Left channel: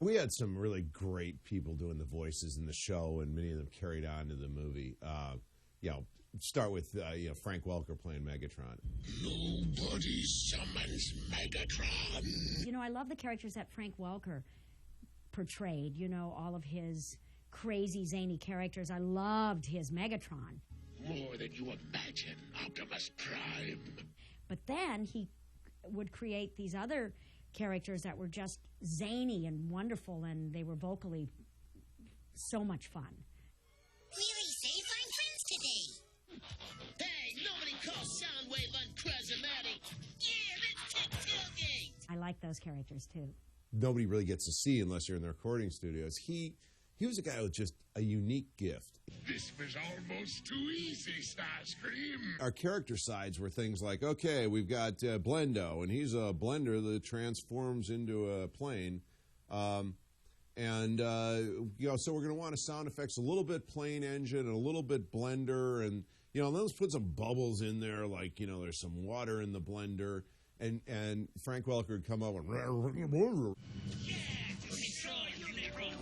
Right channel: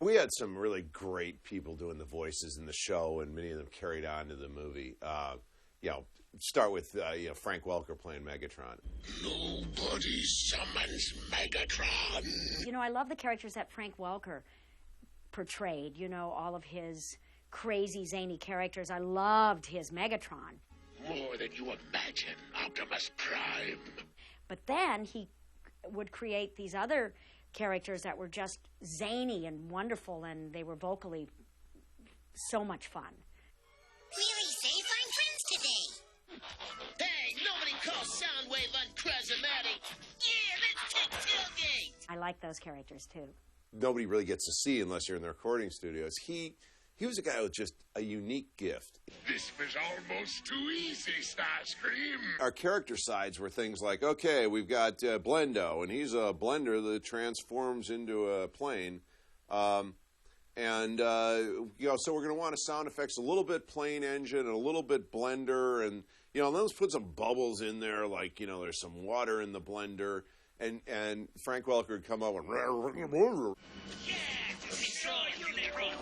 We had some really great people doing the voices in the show, and many of them carried on to the movie. Start with Frank Welker playing Megatron. Nobody summons Megatron. You know, I love the characters that Frank Welker portrayed. You know, all of his crazy, zany characters. I loved his Megatron. More than you imagine, Optimus Prime. But then he would create these other characters that were just zany and wonderful, and they were vocally so much fun. Really safe, I'm friends today. Hey, nobody calls Soundwave uncharismatic. Yeah, let's take tailgate. I like those characters, too. Nobody really gets to see unless you're in the recording studios. He was a guy with just a unique gift. This was almost too easy, Starscream. Our character sides were things like, okay, we've got Blendo, and he's a blender that transforms into a plane. So we're going to want a sound effects, a little bit plane engine, and a little bit blender, and let's put some bubbles in there, like, there's some water in the blender. And Frank Welker would come up and... Yeah, destroy Unicron.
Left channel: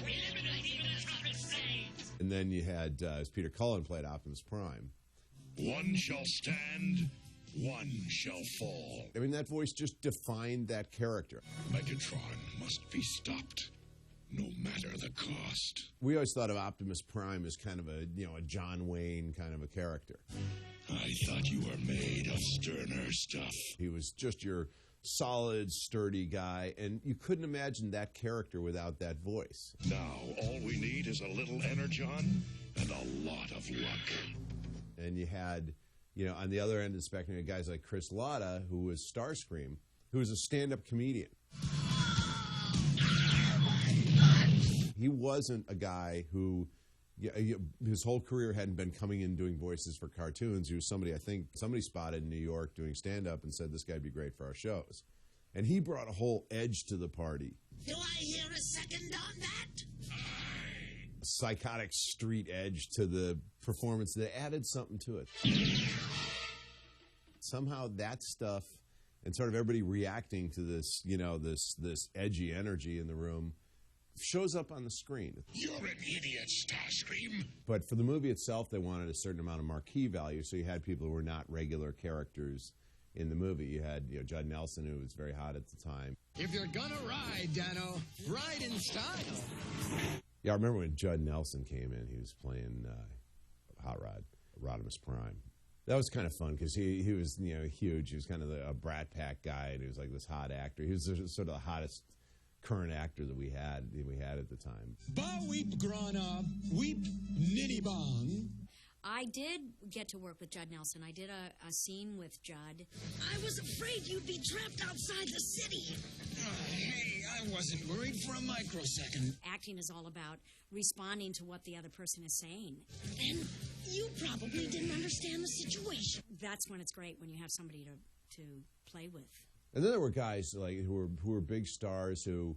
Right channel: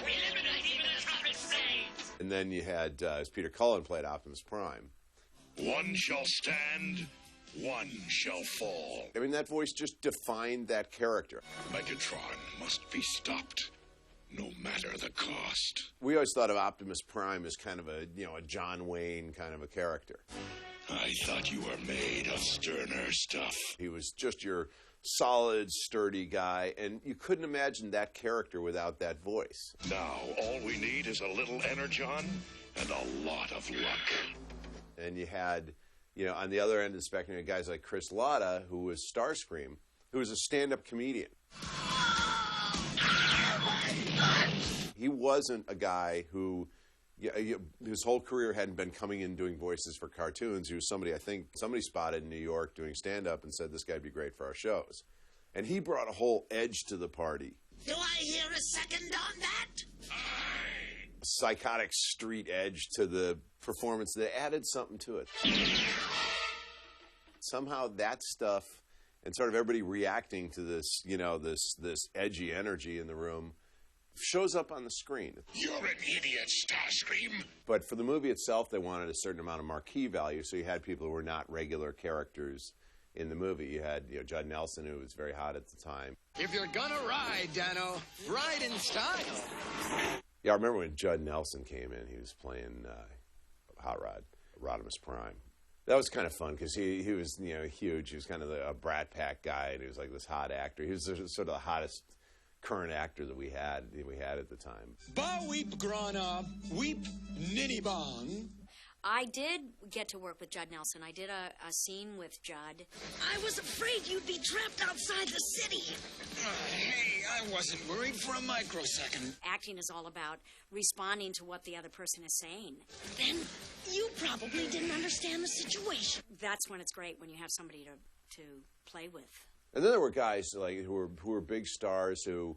Eliminate even atomic brains. And then you had, as Peter Cullen played Optimus Prime. One shall stand, one shall fall. I mean, that voice just defined that character. Megatron must be stopped, no matter the cost. We always thought of Optimus Prime as kind of a John Wayne kind of a character. I thought you were made of sterner stuff. He was just your solid, sturdy guy, and you couldn't imagine that character without that voice. Now, all we need is a little energon and a lot of luck. And you had, on the other end of the spectrum, you had guys like Chris Latta, who was Starscream, who was a stand-up comedian. He wasn't a guy who... his whole career hadn't been coming in doing voices for cartoons. He was somebody spotted in New York doing stand-up and said this guy'd be great for our shows. And he brought a whole edge to the party. Do I hear a second on that? Psychotic street edge to the performance that added something to it. Somehow that stuff, and sort of everybody reacting to this, this edgy energy in the room, shows up on the screen. You're an idiot, Starscream. But for the movie itself, they wanted a certain amount of marquee value, so you had people who were not regular characters in the movie. You had Judd Nelson, who was very hot at the time. If you're gonna ride, Dano, ride in style. Yeah, I remember when Judd Nelson came in, he was playing Hot Rod, Rodimus Prime. That was kind of fun because he was huge. He was kind of a Brat Pack guy, and he was like this hot actor. He was sort of the hottest current actor that we had at the time. Ba weep grana, weep ninny bong. I did get to work with Judd Nelson. I did a scene with Judd. I was afraid you'd be trapped outside the city. Hey, I wasn't worried for a microsecond. Acting is all about responding to what the other person is saying. Then you probably didn't understand the situation. That's when it's great, when you have somebody to play with. And then there were guys like who were big stars who,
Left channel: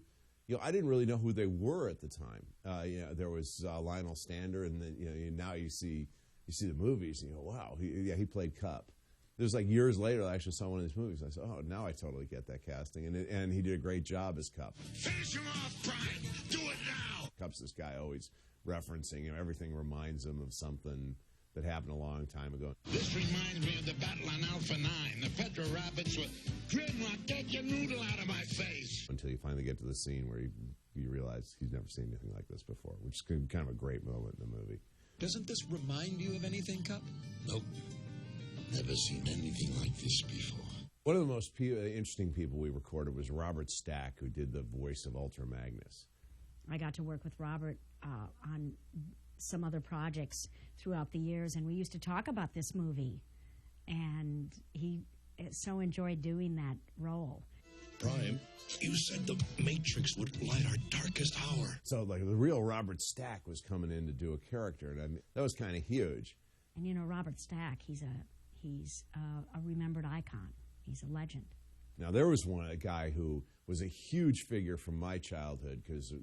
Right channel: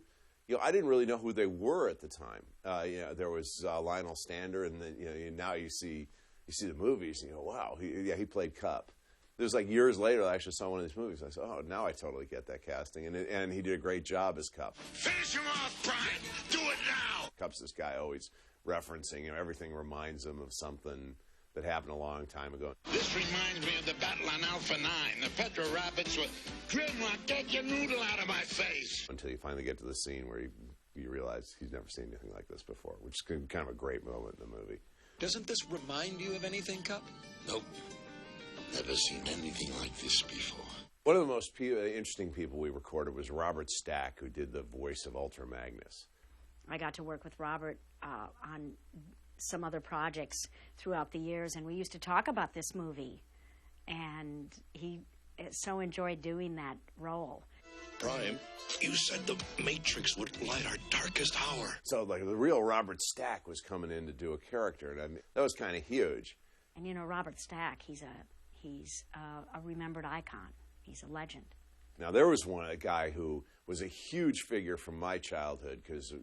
I didn't really know who they were at the time. There was Lionel Stander, and then now you see the movies, and you go, wow, he played Cup. It was like years later I actually saw one of these movies. I said, oh, now I totally get that casting, and he did a great job as Cup. Finish him off, Prime. Do it now. Cup's this guy always referencing, everything reminds him of something that happened a long time ago. This reminds me of the battle on Alpha 9. The Petro Rabbits were, Grimlock, get your noodle out of my face. Until you finally get to the scene where you realize he's never seen anything like this before, which is kind of a great moment in the movie. Doesn't this remind you of anything, Cup? Nope. Never seen anything like this before. One of the most interesting people we recorded was Robert Stack, who did the voice of Ultra Magnus. I got to work with Robert on some other projects throughout the years, and we used to talk about this movie, and he so enjoyed doing that role. Prime, you said the Matrix would light our darkest hour. So, like, the real Robert Stack was coming in to do a character, and that was kind of huge. And Robert Stack, he's a remembered icon. He's a legend. Now, there was a guy who was a huge figure from my childhood because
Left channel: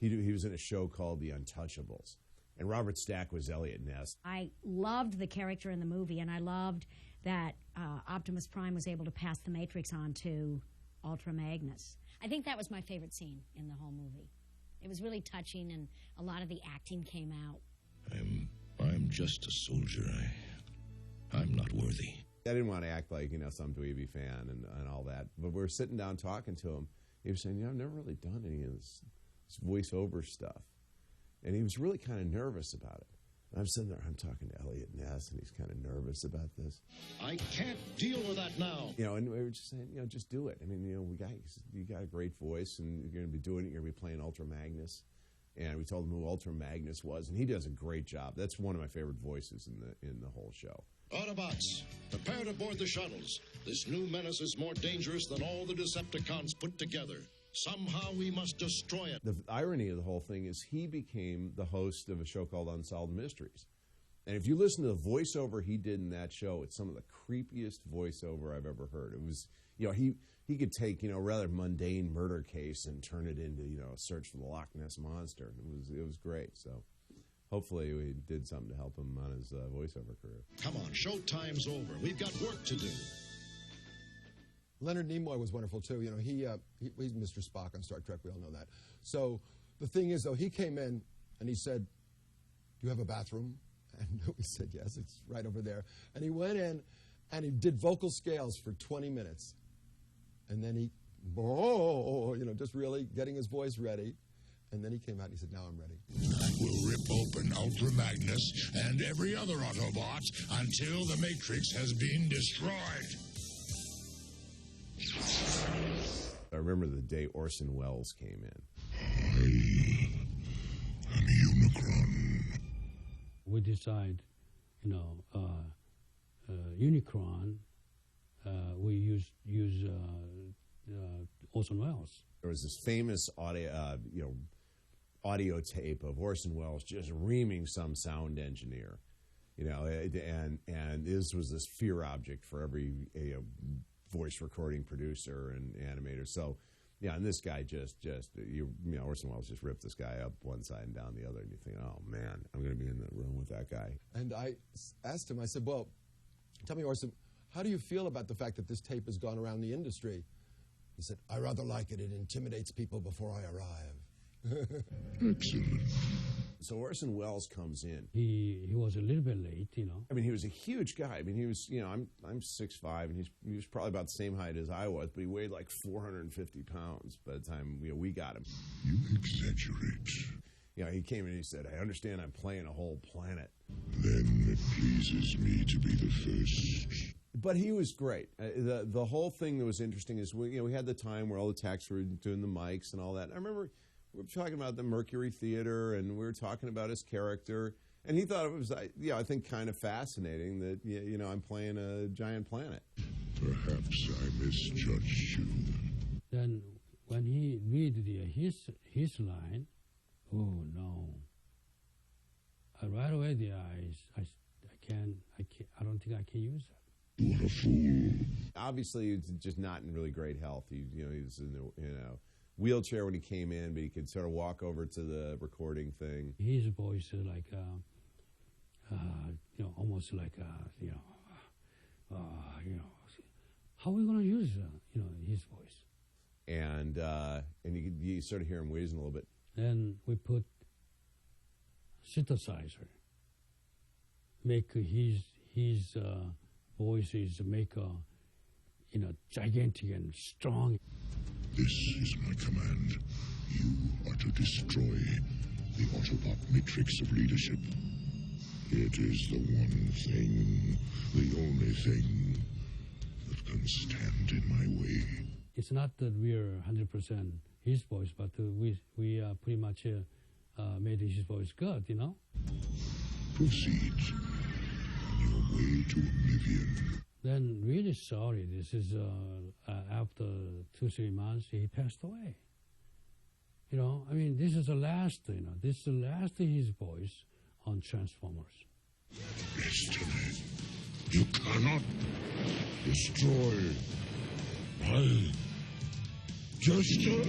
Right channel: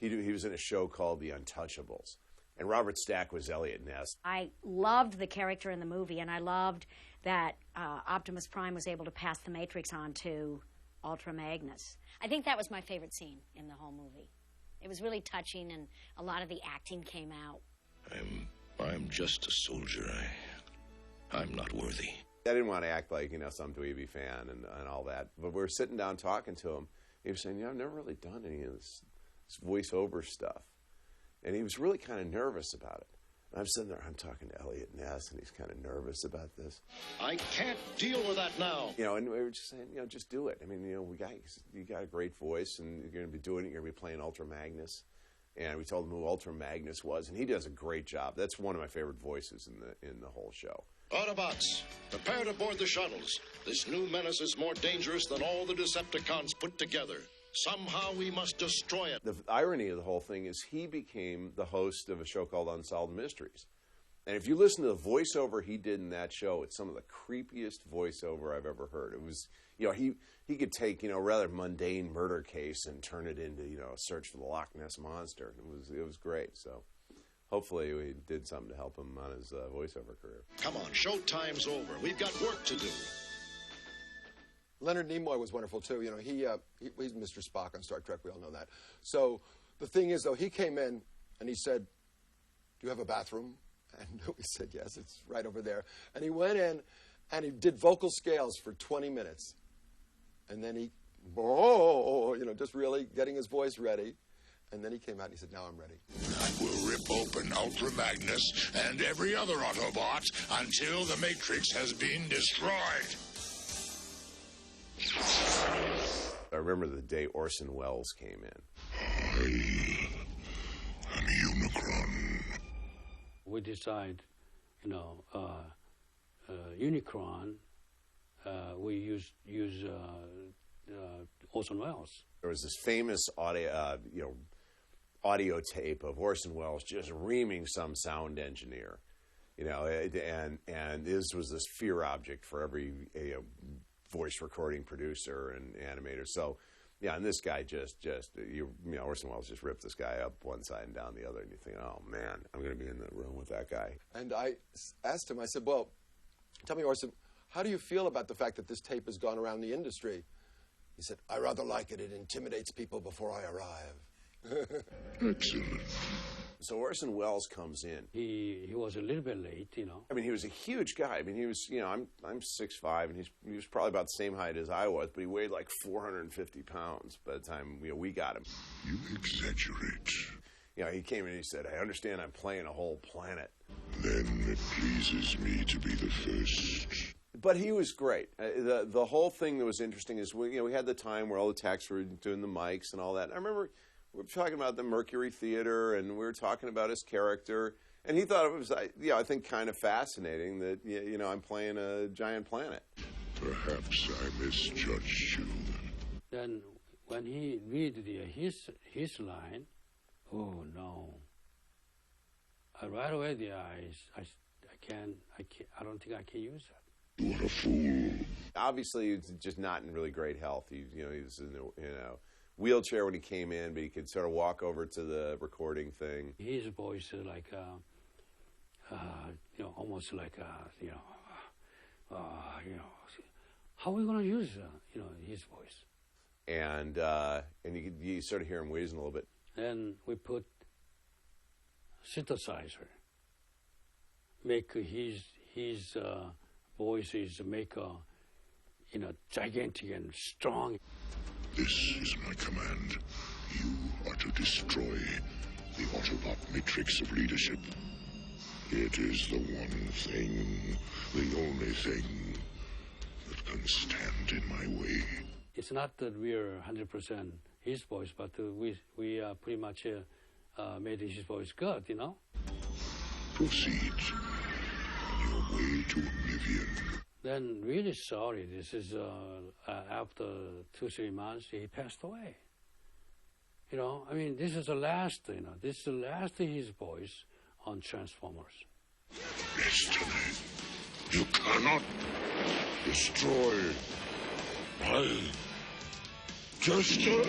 he was in a show called The Untouchables, and Robert Stack was Elliot Ness. I loved the character in the movie, and I loved that Optimus Prime was able to pass the Matrix on to Ultra Magnus. I think that was my favorite scene in the whole movie. It was really touching, and a lot of the acting came out. I'm just a soldier. I'm not worthy. I didn't want to act like, some dweeby fan and all that. But we were sitting down talking to him. He was saying, I've never really done any of this voiceover stuff. And he was really kind of nervous about it. And I'm sitting there, I'm talking to Elliot Ness, and he's kind of nervous about this. I can't deal with that now. And we were just saying, just do it. I mean, you got a great voice, and you're going to be doing it. You're going to be playing Ultra Magnus. And we told him who Ultra Magnus was, and he does a great job. That's one of my favorite voices in the whole show. Autobots, prepare to board the shuttles. This new menace is more dangerous than all the Decepticons put together. Somehow we must destroy it. The irony of the whole thing is he became the host of a show called Unsolved Mysteries. And if you listen to the voiceover he did in that show, it's some of the creepiest voiceover I've ever heard. It was, he could take, a rather mundane murder case and turn it into, a search for the Loch Ness Monster. It was great. So hopefully we did something to help him on his voiceover career. Come on, showtime's over. We've got work to do. Leonard Nimoy was wonderful, too. He's Mr. Spock on Star Trek. We all know that. So the thing is, though, he came in and he said, do you have a bathroom? And we said, yes, it's right over there. And he went in and he did vocal scales for 20 minutes. And then he, just really getting his voice ready. And then he came out and he said, now I'm ready. I will rip open Ultra Magnus and every other Autobot until the Matrix has been destroyed. I remember the day Orson Welles came in. I am Unicron. We decide, Unicron, we use Orson Welles. There was this famous audio tape of Orson Welles just reaming some sound engineer, and this was this fear object for every voice recording producer and animator. So, and this guy Orson Welles just ripped this guy up one side and down the other, and you think, oh man, I'm going to be in the room with that guy. And I asked him, I said, well, tell me, Orson, how do you feel about the fact that this tape has gone around the industry? He said, I rather like it. It intimidates people before I arrive. Excellent. So Orson Welles comes in. He was a little bit late, I mean, he was a huge guy. I mean, he was, I'm 6'5", and he was probably about the same height as I was, but he weighed like 450 pounds by the time we got him. You exaggerate. He came in and he said, I understand I'm playing a whole planet. Then it pleases me to be the first. But he was great. The whole thing that was interesting is we had the time where all the techs were doing the mics and all that. I remember we were talking about the Mercury Theater, and we were talking about his character, and he thought it was, I think, kind of fascinating that I'm playing a giant planet. Perhaps I misjudged you. Then when he read his line, oh no! Right away the eyes, I don't think I can use that. What a fool! Obviously, he's just not in really great health. He was in the wheelchair when he came in, but he could sort of walk over to the recording thing. His voice is like, almost like, how are we going to use, his voice? And you sort of hear him wheezing a little bit. Then we put synthesizer, make his voices make gigantic and strong. This is my command. You are to destroy the Autobot matrix of leadership. It is the one thing, the only thing, that can stand in my way. It's not that we're 100% his voice, but we pretty much made his voice good, Proceed on your way to oblivion. Then really sorry, this is after 2-3 months he passed away. This is the last, this is the last of his voice on Transformers. Destiny, you cannot destroy my destiny.